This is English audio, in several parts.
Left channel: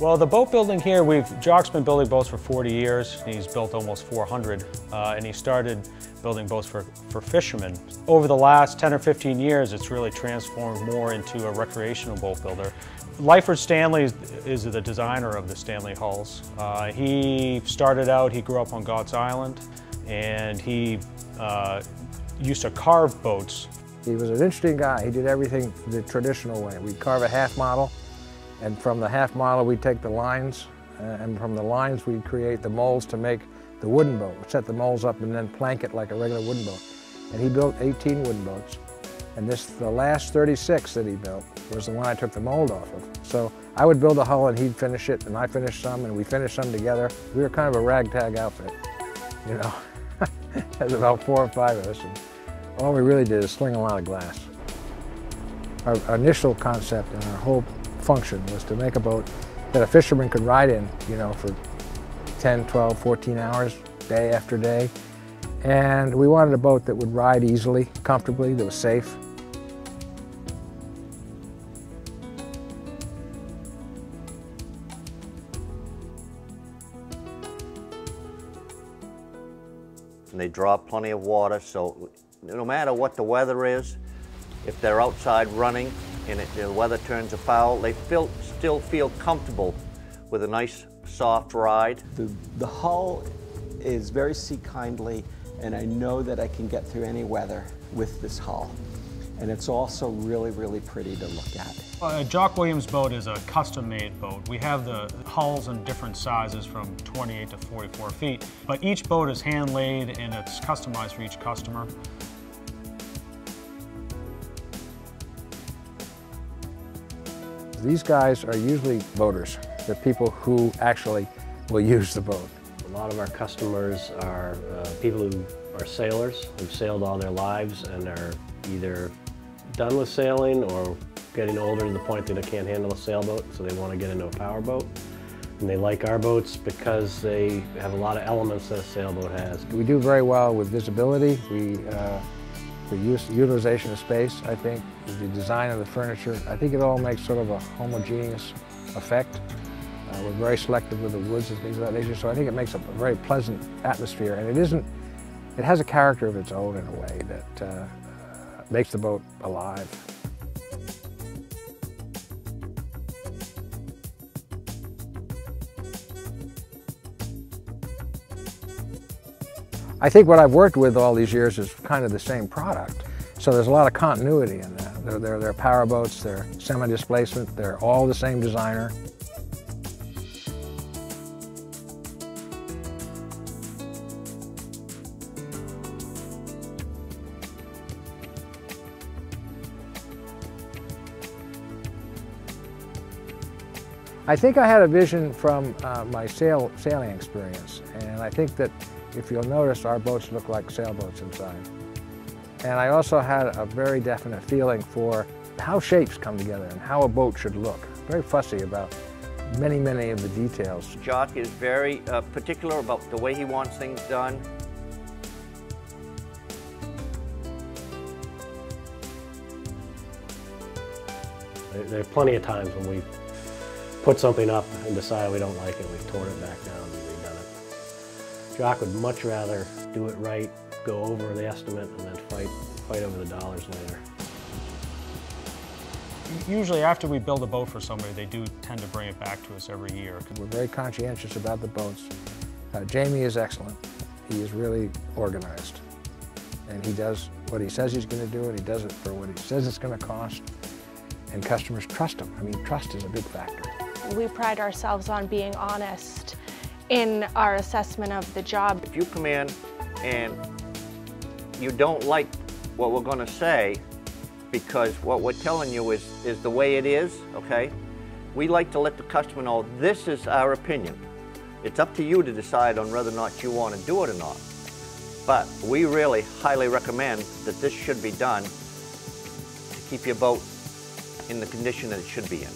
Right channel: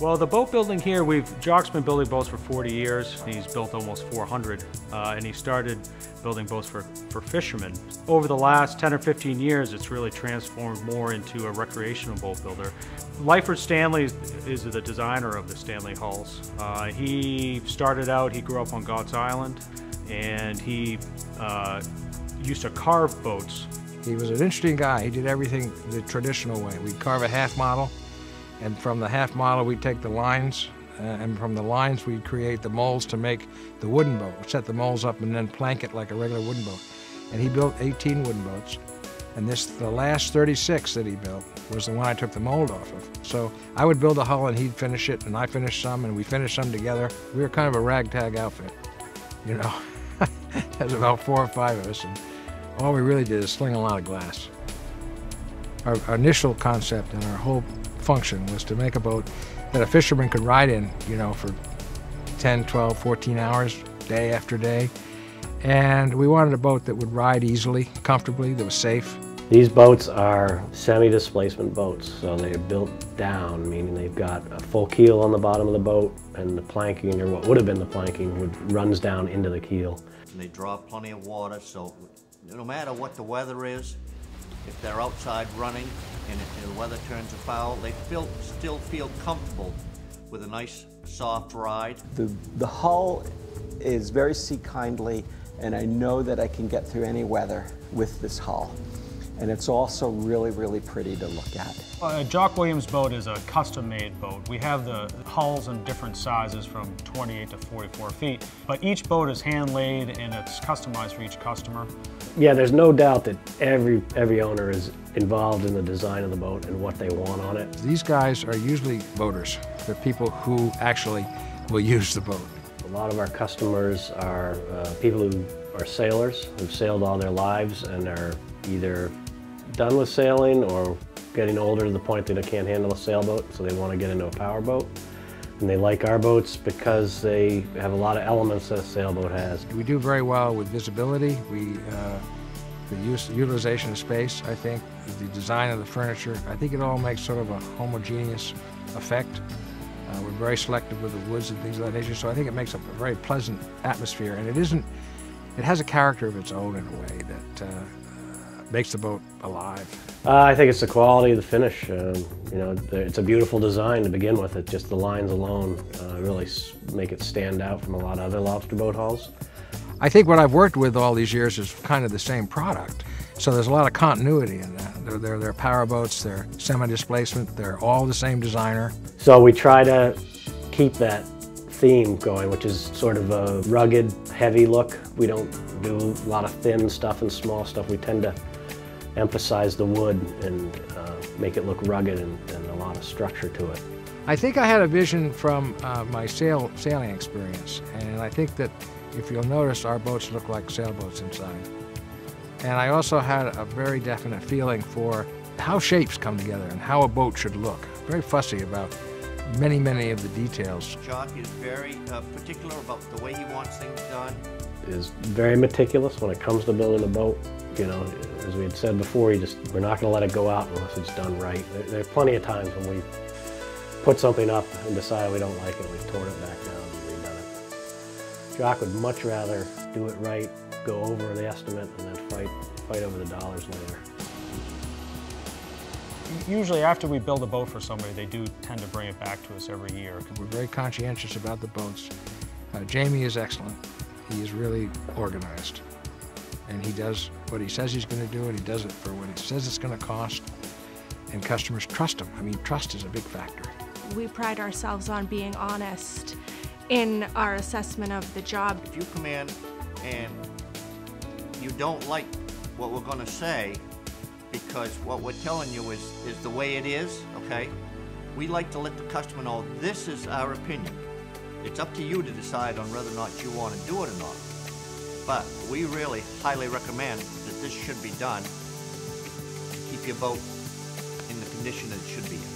Well, the boat building here, Jock's been building boats for 40 years. He's built almost 400, and he started building boats for fishermen. Over the last 10 or 15 years, it's really transformed more into a recreational boat builder. Lyford Stanley is the designer of the Stanley hulls. He started out, he grew up on God's Island, and he used to carve boats. He was an interesting guy. He did everything the traditional way. We'd carve a half model, and from the half model we'd take the lines, and from the lines we'd create the molds to make the wooden boat. We'd set the molds up and then plank it like a regular wooden boat. And he built 18 wooden boats, and the last 36 that he built was the one I took the mold off of. So I would build a hull and he'd finish it, and I finished some, and we finished some together. We were kind of a ragtag outfit, you know. There's about 4 or 5 of us. And all we really did is sling a lot of glass. Our initial concept and our whole function was to make a boat that a fisherman could ride in, you know, for 10, 12, 14 hours, day after day. And we wanted a boat that would ride easily, comfortably, that was safe. These boats are semi-displacement boats, so they're built down, meaning they've got a full keel on the bottom of the boat, and the planking, or what would have been the planking, runs down into the keel. And they draw plenty of water, so no matter what the weather is, if they're outside running and if the weather turns afoul, they still feel comfortable with a nice, soft ride. The hull is very sea-kindly, and I know that I can get through any weather with this hull. And it's also really, really pretty to look at. A Jock Williams boat is a custom-made boat. We have the hulls in different sizes from 28 to 44 feet, but each boat is hand-laid and it's customized for each customer. Yeah, there's no doubt that every owner is involved in the design of the boat and what they want on it. These guys are usually boaters. They're people who actually will use the boat. A lot of our customers are people who are sailors, who've sailed all their lives and are either done with sailing or getting older to the point that they can't handle a sailboat, so they want to get into a powerboat. And they like our boats because they have a lot of elements that a sailboat has. We do very well with visibility. The utilization of space, I think, the design of the furniture. I think it all makes sort of a homogeneous effect. We're very selective with the woods and things of that nature, so I think it makes a very pleasant atmosphere. And it has a character of its own in a way that makes the boat alive. I think it's the quality of the finish. You know, it's a beautiful design to begin with. It just the lines alone really make it stand out from a lot of other lobster boat hulls. I think what I've worked with all these years is kind of the same product. So there's a lot of continuity in that. They're power boats, they're semi-displacement, they're all the same designer. So we try to keep that theme going, which is sort of a rugged, heavy look. We don't do a lot of thin stuff and small stuff. We tend to emphasize the wood and make it look rugged and a lot of structure to it. I think I had a vision from my sailing experience, and I think that if you'll notice, our boats look like sailboats inside. And I also had a very definite feeling for how shapes come together and how a boat should look. Very fussy about many, many of the details. Jock is very particular about the way he wants things done. Is very meticulous when it comes to building a boat. You know, as we had said before, we're not going to let it go out unless it's done right. There are plenty of times when we've put something up and decided we don't like it, we've torn it back down and redone it. Jock would much rather do it right, go over the estimate, and then fight over the dollars later. Usually after we build a boat for somebody, they do tend to bring it back to us every year. We're very conscientious about the boats. Jamie is excellent. He is really organized. And he does what he says he's going to do, and he does it for what he says it's going to cost. And customers trust him. I mean, trust is a big factor. We pride ourselves on being honest in our assessment of the job. If you come in and you don't like what we're going to say, because what we're telling you is the way it is, okay? We like to let the customer know this is our opinion. It's up to you to decide on whether or not you want to do it or not. But we really highly recommend that this should be done to keep your boat in the condition that it should be in.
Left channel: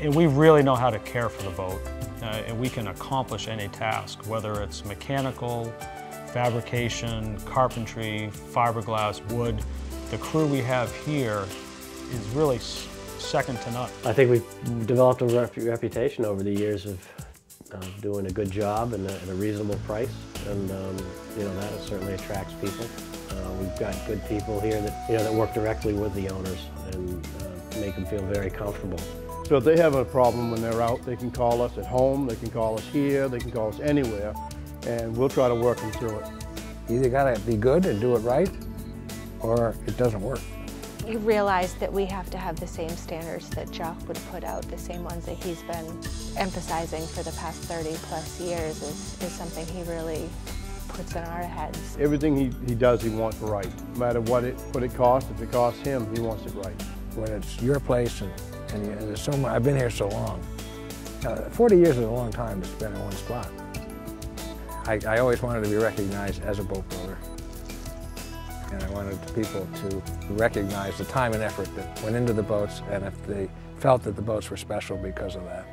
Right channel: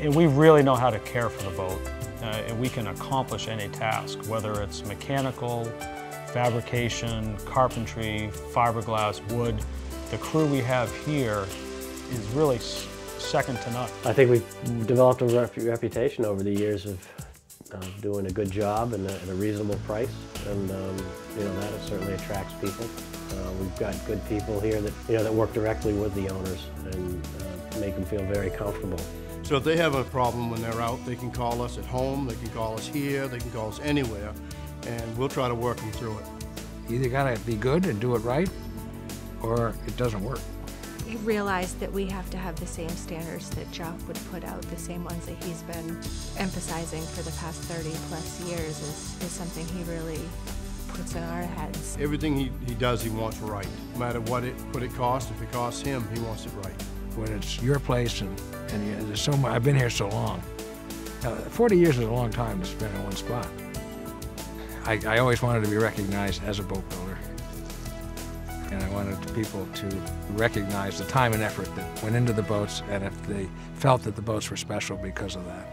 And we really know how to care for the boat, and we can accomplish any task, whether it's mechanical, fabrication, carpentry, fiberglass, wood. The crew we have here is really second to none. I think we've developed a reputation over the years of doing a good job and at a reasonable price, and you know, that certainly attracts people. We've got good people here that, you know, that work directly with the owners and make them feel very comfortable. So if they have a problem when they're out, they can call us at home, they can call us here, they can call us anywhere, and we'll try to work them through it. You either gotta be good and do it right, or it doesn't work. We realized that we have to have the same standards that Jock would put out, the same ones that he's been emphasizing for the past 30+ years is something he really puts in our heads. Everything he does, he wants right. No matter what it costs, if it costs him, he wants it right. When it's your place and there's so much, I've been here so long. 40 years is a long time to spend in one spot. I always wanted to be recognized as a boat builder. And I wanted people to recognize the time and effort that went into the boats, and if they felt that the boats were special because of that.